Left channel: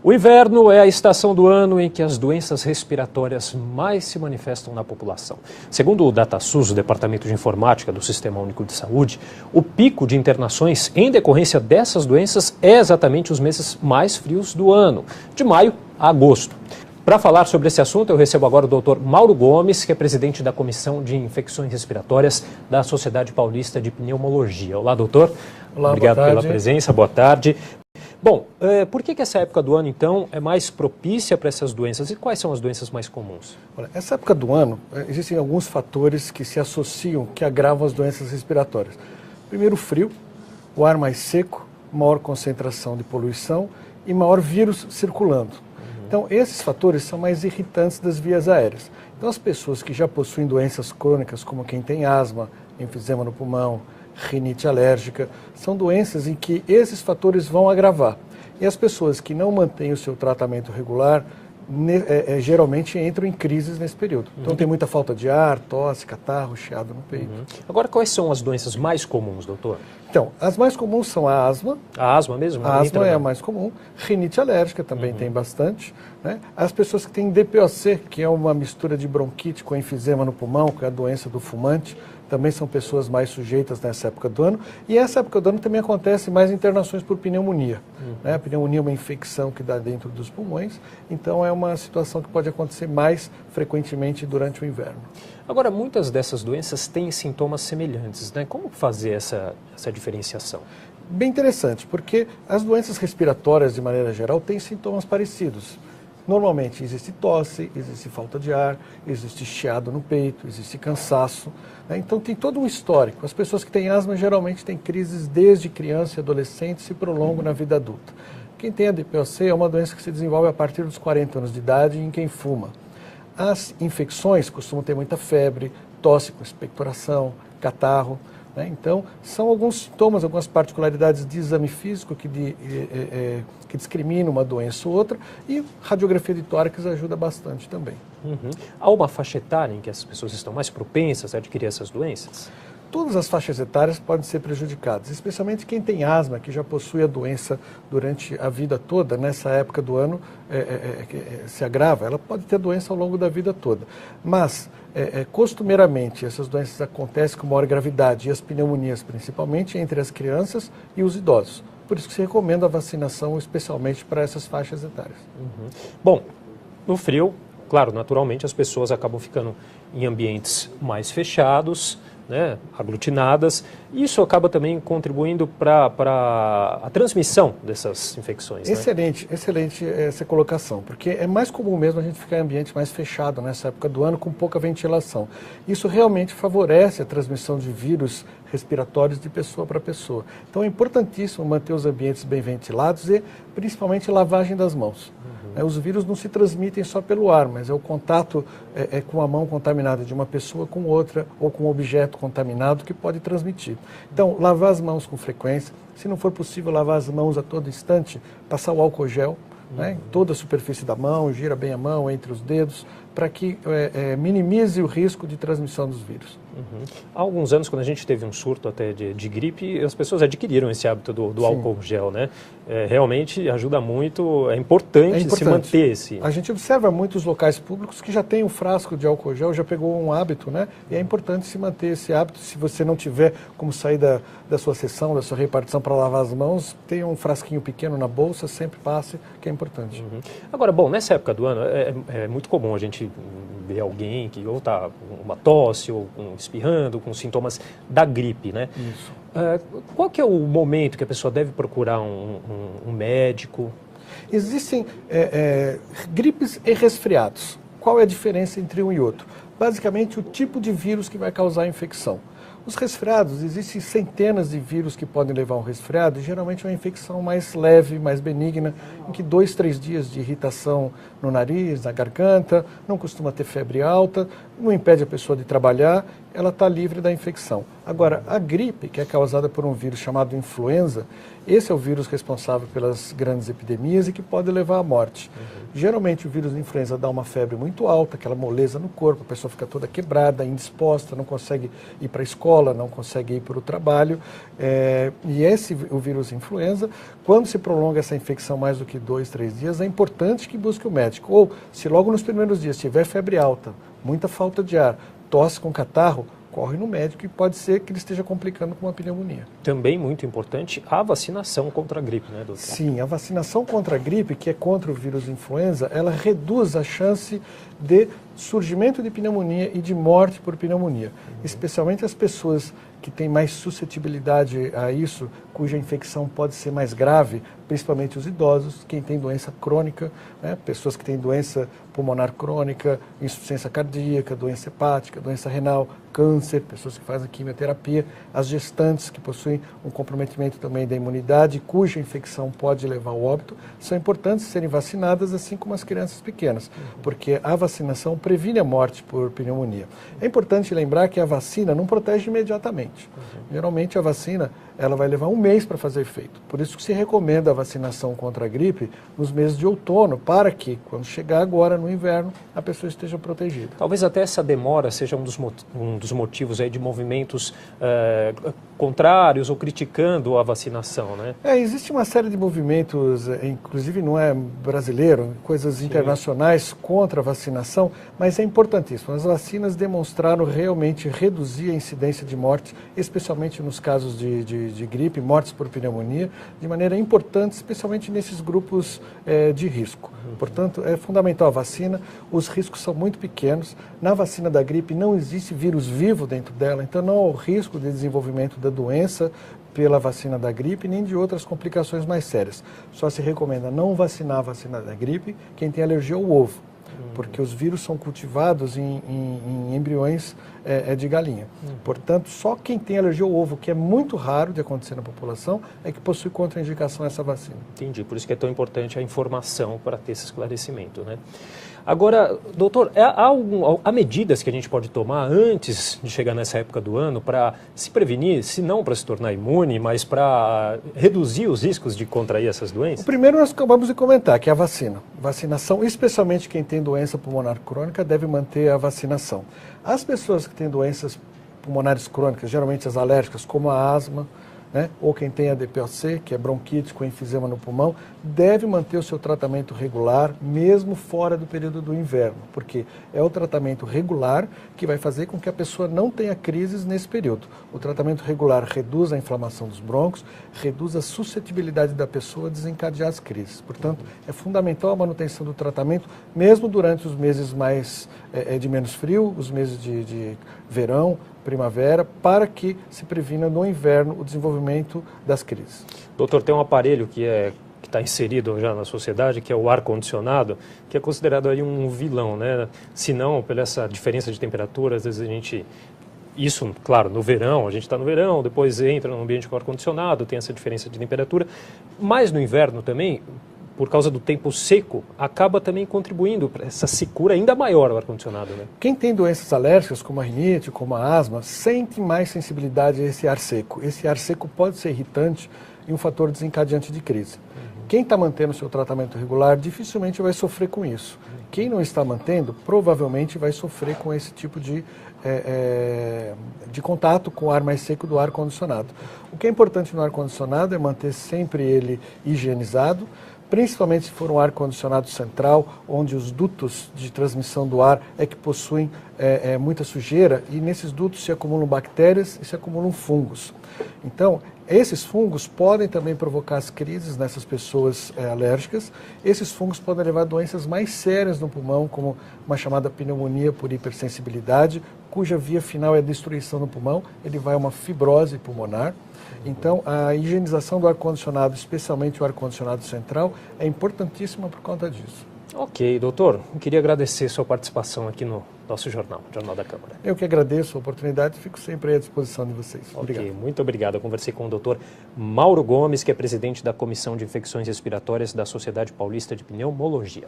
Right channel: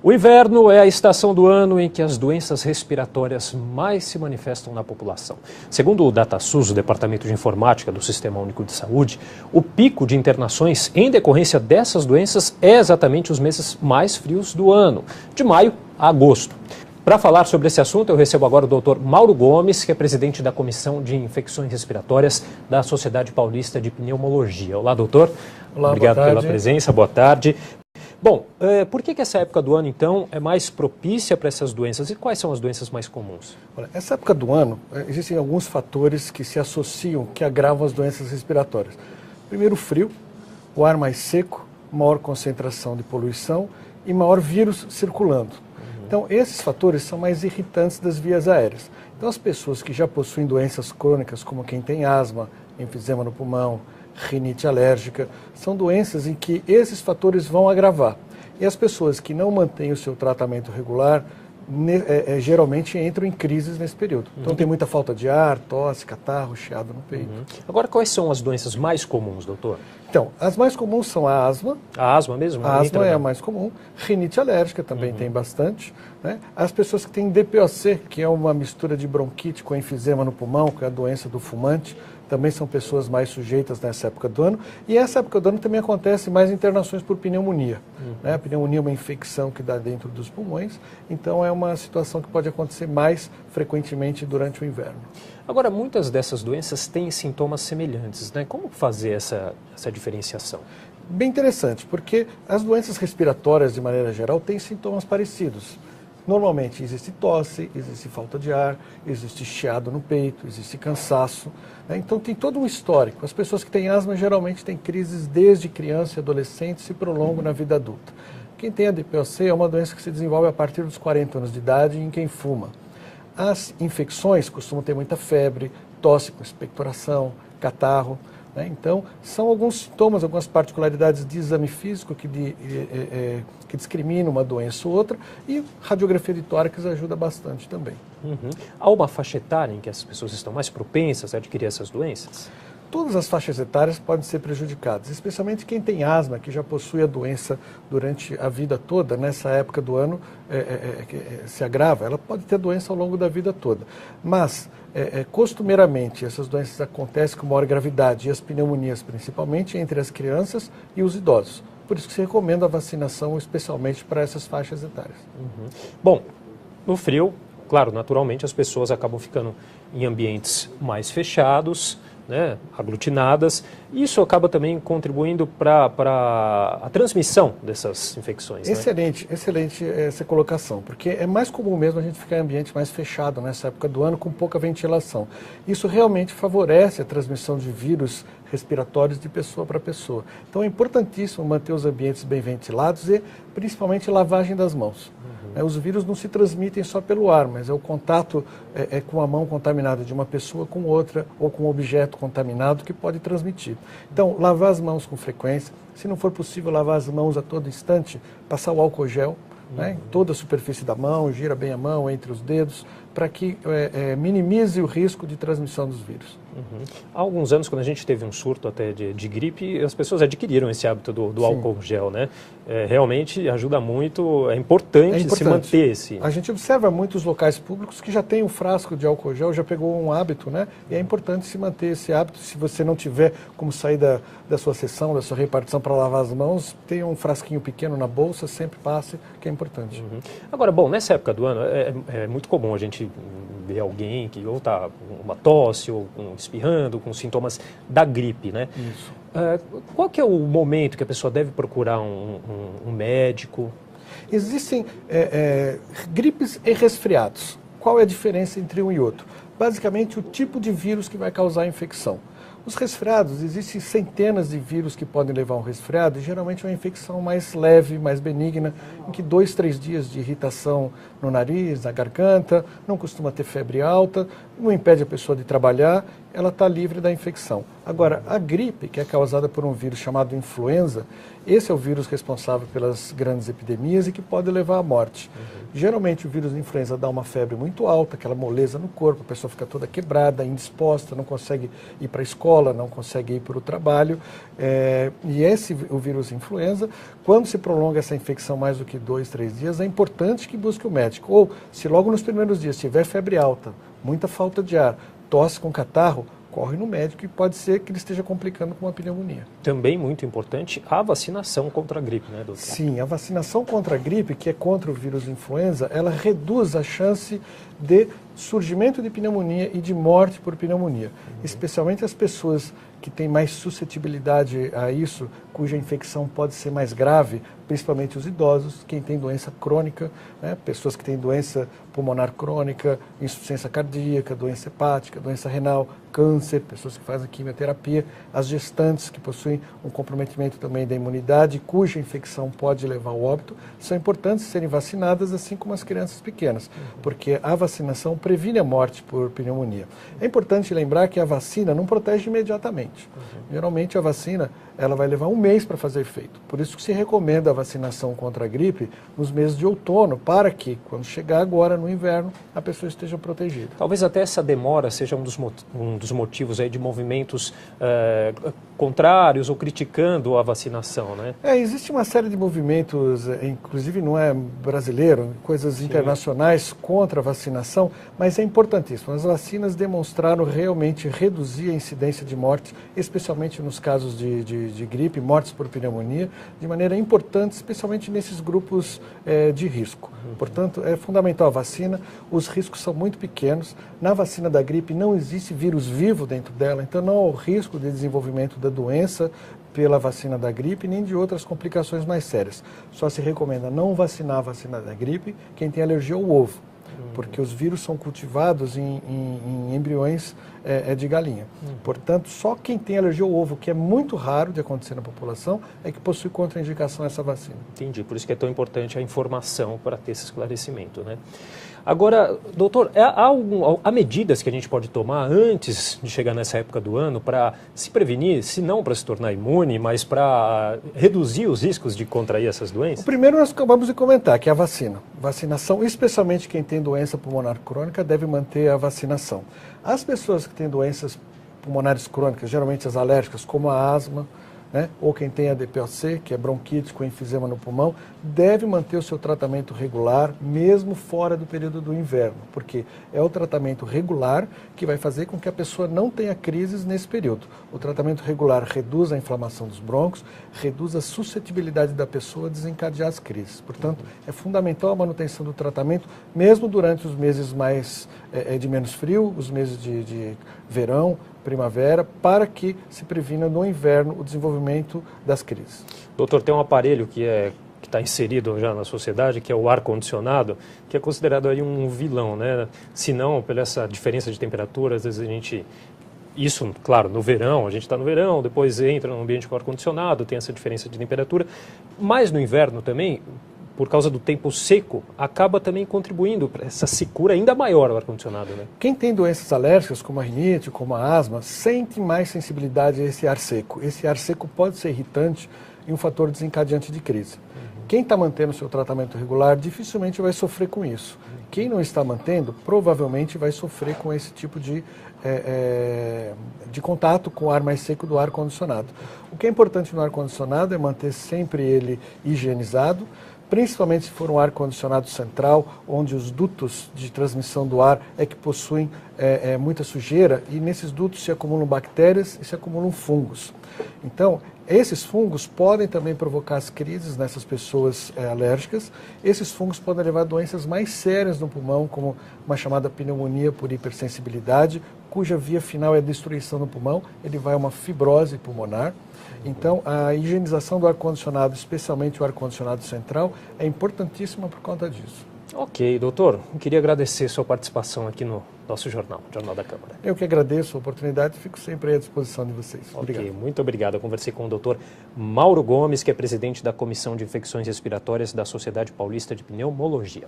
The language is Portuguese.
O inverno é a estação do ano em que as doenças respiratórias mais se manifestam na população. Segundo o DataSUS, o Departamento de Informática do Sistema Único de Saúde, o pico de internações em decorrência dessas doenças é exatamente os meses mais frios do ano, de maio a agosto. Para falar sobre esse assunto, eu recebo agora o Dr. Mauro Gomes, que é presidente da Comissão de Infecções Respiratórias da Sociedade Paulista de Pneumologia. Olá, doutor. Olá, obrigado boa tarde. pela presença, boa tarde. Bom, por que essa época do ano, então, é mais propícia para essas doenças? E quais são as doenças mais comuns? Essa época do ano, existem alguns fatores que se associam, que agravam as doenças respiratórias. Primeiro, o frio, o ar mais seco, maior concentração de poluição e maior vírus circulando. Então, esses fatores são mais irritantes das vias aéreas. Então, as pessoas que já possuem doenças crônicas, como quem tem asma, enfisema no pulmão, rinite alérgica, são doenças em que esses fatores vão agravar. E as pessoas que não mantêm o seu tratamento regular, geralmente entram em crises nesse período. Então tem muita falta de ar, tosse, catarro, chiado no peito. Agora, quais são as doenças mais comuns, doutor? Então, as mais comuns são a asma. A asma mesmo? A asma é a mais comum. Rinite alérgica também tem bastante. Né? As pessoas que têm DPOC, que é uma mistura de bronquite com enfisema no pulmão, que é a doença do fumante, também são pessoas mais sujeitas nessa época do ano. E essa época do ano também acontece mais internações por pneumonia. Né? A pneumonia é uma infecção que dá dentro dos pulmões, então é uma situação que pode acontecer mais frequentemente durante o inverno. Agora, muitas dessas doenças têm sintomas semelhantes, né? Como fazer essa diferenciação? Bem interessante, porque as doenças respiratórias, de maneira geral, têm sintomas parecidos. Normalmente existe tosse, existe falta de ar, existe chiado no peito, existe cansaço. Né? Então tem todo um histórico. As pessoas que têm asma geralmente têm crises desde criança e adolescente e se prolongam na vida adulta. Quem tem a DPOC é uma doença que se desenvolve a partir dos 40 anos de idade em quem fuma. As infecções costumam ter muita febre, tosse com expectoração, catarro. Né? Então, são alguns sintomas, algumas particularidades de exame físico que discriminam uma doença ou outra, e radiografia de tórax ajuda bastante também. Há uma faixa etária em que as pessoas estão mais propensas a adquirir essas doenças? Todas as faixas etárias podem ser prejudicadas, especialmente quem tem asma, que já possui a doença durante a vida toda, nessa época do ano se agrava, ela pode ter a doença ao longo da vida toda. Mas, costumeiramente, essas doenças acontecem com maior gravidade, e as pneumonias principalmente entre as crianças e os idosos. Por isso que se recomenda a vacinação, especialmente para essas faixas etárias. Bom, no frio, claro, naturalmente as pessoas acabam ficando em ambientes mais fechados, né, aglutinadas, e isso acaba também contribuindo para a transmissão dessas infecções. Excelente, né? Excelente essa colocação, porque é mais comum mesmo a gente ficar em ambiente mais fechado nessa época do ano com pouca ventilação. Isso realmente favorece a transmissão de vírus respiratórios de pessoa para pessoa. Então é importantíssimo manter os ambientes bem ventilados e principalmente lavagem das mãos. Os vírus não se transmitem só pelo ar, mas é o contato com a mão contaminada de uma pessoa com outra ou com um objeto contaminado que pode transmitir. Então, lavar as mãos com frequência, se não for possível lavar as mãos a todo instante, passar o álcool gel, né, em toda a superfície da mão, gira bem a mão entre os dedos, para que minimize o risco de transmissão dos vírus. Há alguns anos, quando a gente teve um surto até de gripe, as pessoas adquiriram esse hábito do álcool gel, né? Realmente ajuda muito, é importante se manter esse... A gente observa muitos locais públicos que já tem um frasco de álcool gel, já pegou um hábito, né? E é importante se manter esse hábito. Se você não tiver como sair da sua sessão, da sua repartição para lavar as mãos, tem um frasquinho pequeno na bolsa, sempre passe, que é importante. Agora, bom, nessa época do ano é muito comum a gente ver alguém que ou está com uma tosse ou espirrando, com sintomas da gripe, né? Isso. Qual que é o momento que a pessoa deve procurar um médico? Existem gripes e resfriados. Qual é a diferença entre um e outro? Basicamente, o tipo de vírus que vai causar a infecção. Os resfriados, existem centenas de vírus que podem levar a um resfriado, e geralmente é uma infecção mais leve, mais benigna, em que 2, 3 dias de irritação no nariz, na garganta, não costuma ter febre alta, não impede a pessoa de trabalhar, ela está livre da infecção. Agora, a gripe, que é causada por um vírus chamado influenza, esse é o vírus responsável pelas grandes epidemias e que pode levar à morte. Geralmente o vírus da influenza dá uma febre muito alta, aquela moleza no corpo, a pessoa fica toda quebrada, indisposta, não consegue ir para a escola, escola, não consegue ir para o trabalho. E o vírus influenza, quando se prolonga essa infecção mais do que 2, 3 dias, é importante que busque o médico. Ou, se logo nos primeiros dias tiver febre alta, muita falta de ar, tosse com catarro, corre no médico e pode ser que ele esteja complicando com uma pneumonia. Também muito importante a vacinação contra a gripe, né, doutor? Sim, a vacinação contra a gripe, que é contra o vírus influenza, ela reduz a chance de surgimento de pneumonia e de morte por pneumonia. Especialmente as pessoas que têm mais suscetibilidade a isso, cuja infecção pode ser mais grave, principalmente os idosos, quem tem doença crônica, né, pessoas que têm doença pulmonar crônica, insuficiência cardíaca, doença hepática, doença renal, câncer, pessoas que fazem quimioterapia, as gestantes que possuem um comprometimento também da imunidade, cuja infecção pode levar ao óbito, são importantes serem vacinadas, assim como as crianças pequenas, porque a vacinação previne a morte por pneumonia. É importante lembrar que a vacina não protege imediatamente. Geralmente a vacina ela vai levar um mês para fazer efeito. Por isso que se recomenda a vacinação contra a gripe nos meses de outono, para que, quando chegar agora no inverno, a pessoa esteja protegida. Talvez até essa demora seja um dos motivos aí de movimentos contrários ou criticando a vacinação, né? Existe uma série de movimentos, inclusive não é brasileiro, coisas internacionais contra a vacinação, mas é importantíssimo. As vacinas demonstraram realmente reduzir a incidência de morte, especialmente nos casos de gripe, mortes por pneumonia, de maneira importante, especialmente nesses grupos de risco. Portanto, é fundamental a vacina, os riscos são muito pequenos. Na vacina da gripe não existe vírus vivo dentro dela, então não há o risco de desenvolvimento da doença pela vacina da gripe, nem de outras complicações mais sérias. Só se recomenda não vacinar a vacina da gripe quem tem alergia ao ovo, porque os vírus são cultivados em embriões de galinha. Portanto, só quem tem alergia ao ovo, que é muito raro de acontecer na população, é que possui contraindicação a essa vacina. Entendi, por isso que é tão importante a informação para ter esse esclarecimento, né? Agora, doutor, há medidas que a gente pode tomar antes de chegar nessa época do ano para se prevenir, se não para se tornar imune, mas para reduzir os riscos de contrair essas doenças? O primeiro nós acabamos de comentar, que é a vacina. Vacinação, especialmente quem tem doença pulmonar crônica, deve manter a vacinação. As pessoas que têm doenças pulmonares crônicas, geralmente as alérgicas, como a asma, né, ou quem tem a DPOC, que é bronquite com enfisema no pulmão, deve manter o seu tratamento regular, mesmo fora do período do inverno, porque é o tratamento regular que vai fazer com que a pessoa não tenha crises nesse período. O tratamento regular reduz a inflamação dos brônquios, reduz a suscetibilidade da pessoa a desencadear as crises. Portanto, é fundamental a manutenção do tratamento, mesmo durante os meses de menos frio, os meses de verão, primavera, para que se previna no inverno o desenvolvimento das crises. Doutor, tem um aparelho que está inserido já na sociedade, que é o ar-condicionado, que é considerado aí um vilão, né? Se não, pela essa diferença de temperatura, às vezes a gente... Isso, claro, no verão, a gente está no verão, depois entra no ambiente com ar-condicionado, tem essa diferença de temperatura, mas no inverno também, por causa do tempo seco, acaba também contribuindo para essa secura ainda maior o ar-condicionado, né? Quem tem doenças alérgicas, como a rinite, como a asma, sente mais sensibilidade a esse ar seco. Esse ar seco pode ser irritante e um fator desencadeante de crise. Quem está mantendo o seu tratamento regular dificilmente vai sofrer com isso. Quem não está mantendo, provavelmente vai sofrer com esse tipo de contato com o ar mais seco do ar-condicionado. O que é importante no ar-condicionado é manter sempre ele higienizado, principalmente se for um ar-condicionado central, onde os dutos de transmissão do ar é que possuem muita sujeira, e nesses dutos se acumulam bactérias e se acumulam fungos. Então, esses fungos podem também provocar as crises nessas pessoas alérgicas. Esses fungos podem levar a doenças mais sérias no pulmão, como uma chamada pneumonia por hipersensibilidade, cuja via final é a destruição do pulmão, ele vai a uma fibrose pulmonar. Então, a higienização do ar-condicionado, especialmente o ar-condicionado central, é importantíssima por conta disso. Ok, doutor, eu queria agradecer sua participação aqui no nosso Jornal da Câmara. Eu que agradeço a oportunidade e fico sempre à disposição de vocês. Obrigado. Ok, muito obrigado. Eu conversei com o doutor Mauro Gomes, que é presidente da Comissão de Infecções Respiratórias da Sociedade Paulista de Pneumologia.